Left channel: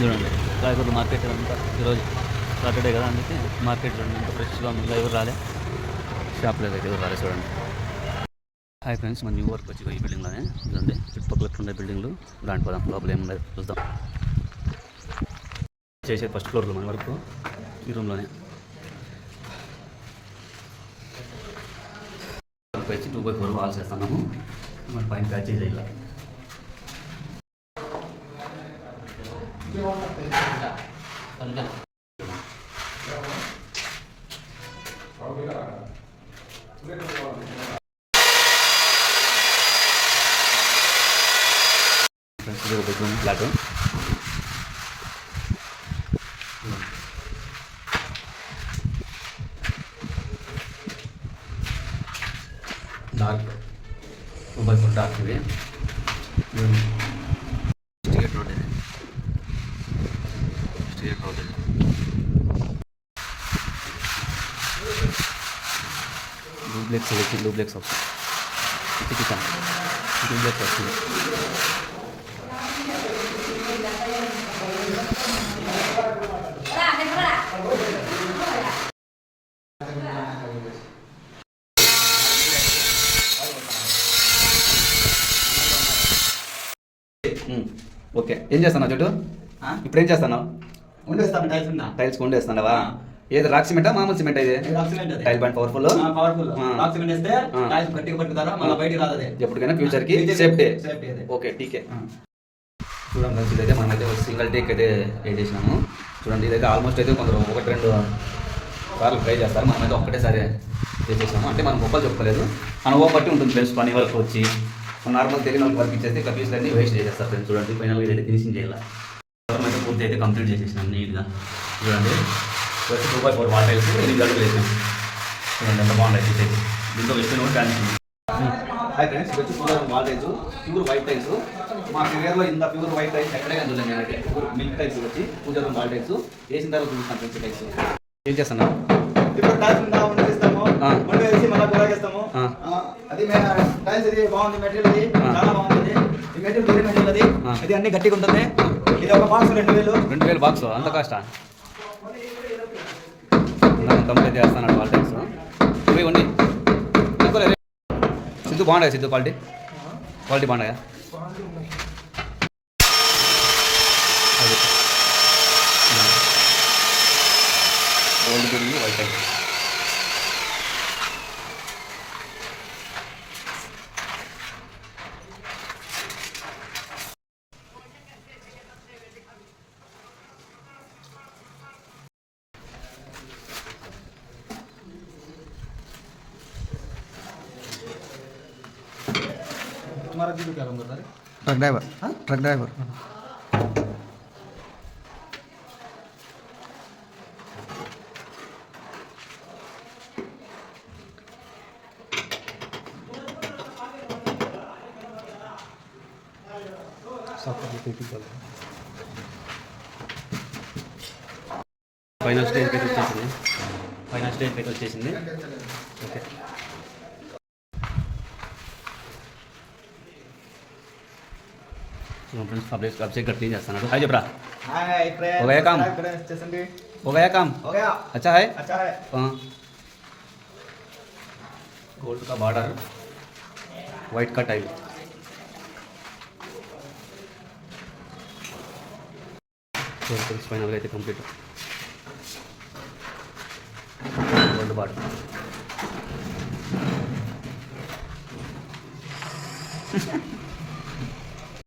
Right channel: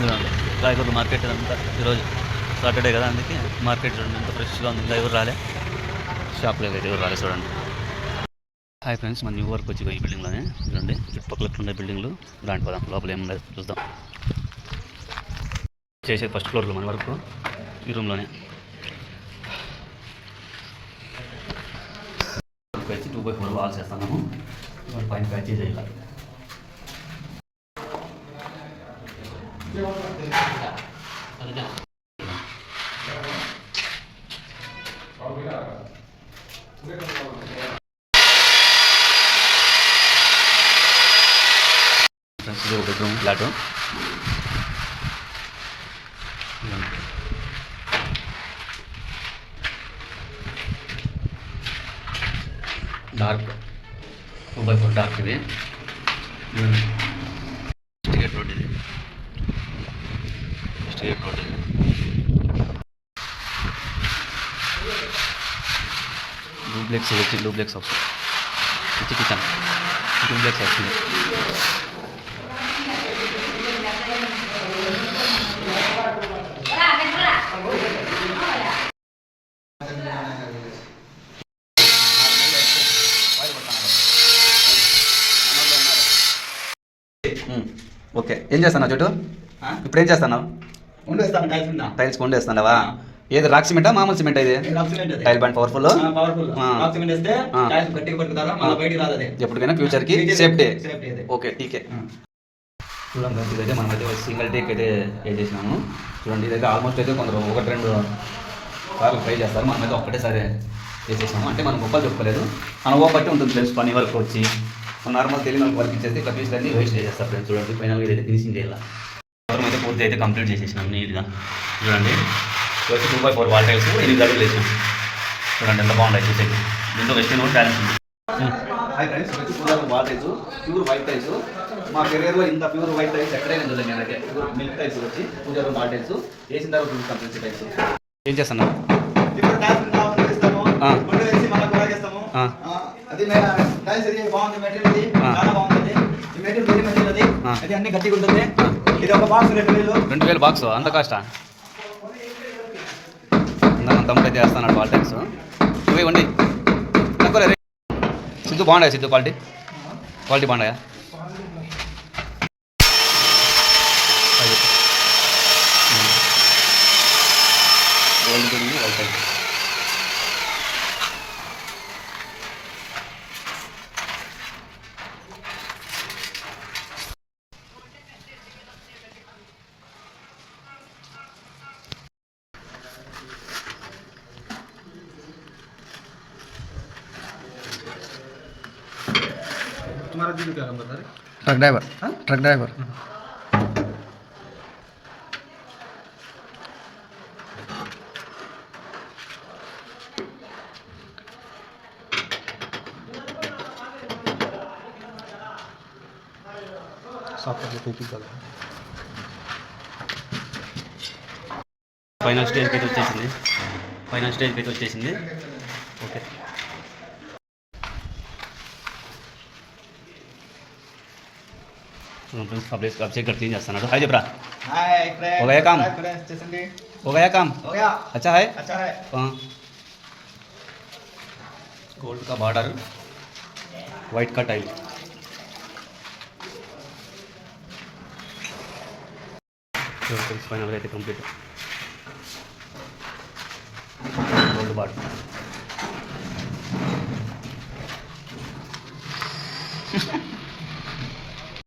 చూడండి కాయగూరల మార్కెట్ అంతా ఈరోజు సాటర్డే కదా, అందుకే మార్కెట్ చూడండి ఎంత ఫ్రెష్గా ఉంది. ఇంకా ఎవరు రాలే, షాప్లోకి అయితే ఎవరు రాలే. చూడండి. హాయ్ ఫ్రెండ్స్, మన న్యూ వర్క్ వచ్చి ఈ బిల్డింగ్లోనే చూడండి. చుట్టుపక్కల ఉండే బిల్డింగ్లు దాంట్ పోదాం, లోపల ఏముండదు చూద్దాం. చేసేది ఫస్ట్ ఫ్లోర్లో మన వరకు ఈ రూమ్లోనే వచ్చి 2x4 వాల్స్ వేస్తున్నాము. మన పైన ప్యాచ్ చేయాలి. ఇది ఒక bedroom flat. Dark 2x4 dark. ఇది స్ట్రేట్ రోడ్. ఇది స్ట్రేట్ రోడ్. ఇది డూప్లెక్స్ వచ్చి డూప్లెక్స్ వస్తుంది. కిచెన్ డూప్లెక్స్ వస్తుంది. ఓకే, ఏం చేస్తున్నావు చోటు? ఇప్పుడు ఏం చేస్తున్నావు? టైల్స్ కొండేస్తున్నావా? ఏది రాక్ సిమెంటా మామూలు సిమెంట్? ఇది టైల్ బండ్ పవర్ఫుల్. ఎప్పటికైనా ఫ్యూచర్ కి సేఫ్టీ. ఓకే, టీకే. చూడండి ఫ్రెండ్స్, ఇదైతే మనమైతే సింగిల్ టేక్ అయితే వేసేసినాము. చూడండి, ఇదైతే ఆల్మోస్ట్ అయితే కొందరు 1-2 సార్లు ట్రై చేస్తారు. మనమైతే ఒక్కటేసారి వేసేసాము. అంటే మనం గొప్పలు చెప్పుకోలేదు, మన ఓ బట్టి ఉంటుంది ఫ్రెండ్స్. పని వరకు వచ్చి నార్మల్ తెలియని వాళ్ళకి వర్క్ ఇచ్చేస్తే ఇట్లా పీసులు అన్నీ వేస్ట్ చేసేస్తారు ఫ్రెండ్స్. చూడండి, ఫైనల్గా ఇదైతే ఫినిషింగ్ చేయాలి. అయితే పూర్తి అయితే కంప్లీట్ చేసేసినాం నీట్గా. చూడండి, 2x4 వాల్ టైల్స్ 8 అడుగులు వేసాం. చూడండి ఎంత బాగుంటాయి చూసేది. దీంట్లో వెస్టిన్ కూడా ఛాలెంజ్ ఉంది. హాయ్ ఫ్రెండ్స్, వచ్చి పూజారు wall tiles, pure white tiles. మా కెరియర్లో ఇంత ప్యూర్ వైట్ టైల్స్ ఎక్కడైనా చూడండి. నేనైతే ప్యూర్ మిల్క్ టైల్స్ వచ్చి పూజారు వాల్ టైల్స్ వేసిన తర్వాత చూస్తాం ఫ్రెండ్స్. టైల్స్ ఏం చేస్తున్నా? అది టైల్స్ ఇది బాగుంది. మెటీరియల్ ఇది చాలా బాగుంది. ఈ మెటీరియల్ వేరే మెటీరియల్ అది. అది అన్ని గట్టిగా ఉంటుంది. ఇది ఒక బాక్స్ 2000 బాక్స్. అంత కాస్టా? తమ్ముడు అయితే వేస్తాను వాల్ టైల్స్. ఇవి వండి సిద్ధు బాగుంటాయి. సిద్ధు క్వాలిటీ బాగున్నాయా? గోల్డ్ తిరిగి వైట్ టైల్. तुम्हारा जी क्या काम करता है? Truck driver. Truck driver. Final stage పెట్టి వచ్చేసింది. ఓకే, अब से क्लीन చేస్తాను. हाय जबरा, हाय फ्रेंड, हो गया काम? हो गया काम? हो गया. अच्छा है. हाँ. गोल्ड का बॉर्डर, वाइट का टाइल. फाइनल అయితే కంప్లీట్. Gold border.